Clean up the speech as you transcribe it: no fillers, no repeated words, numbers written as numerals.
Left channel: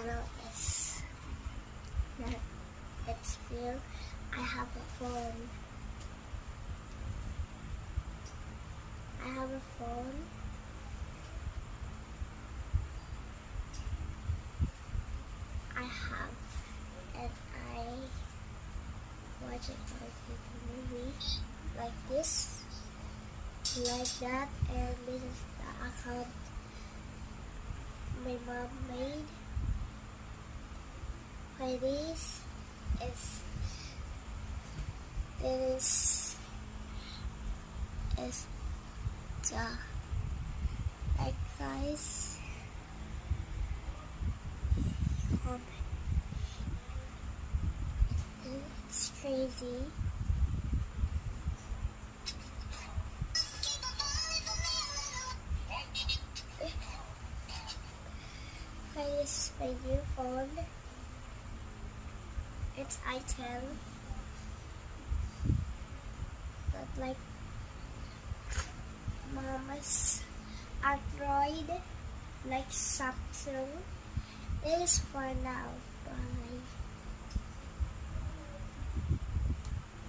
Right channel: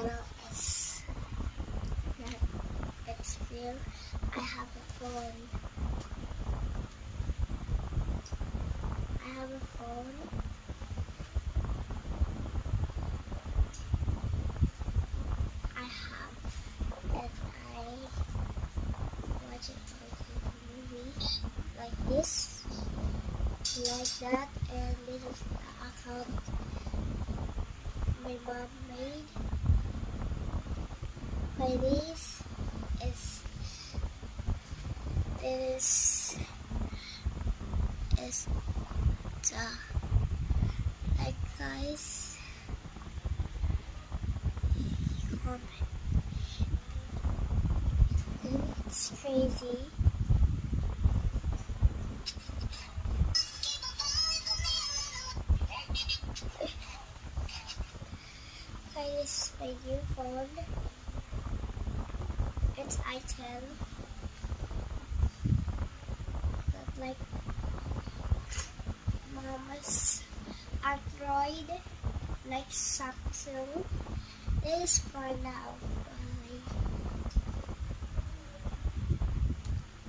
channel is not, it's clear. I have a phone. I have a phone. I have, and I watch it on movie like this, like that, and this is the account my mom made. Like this is the like guys comment. It's crazy. This is my new phone. It's i10, not like Mama's Android, like Samsung. It is for now.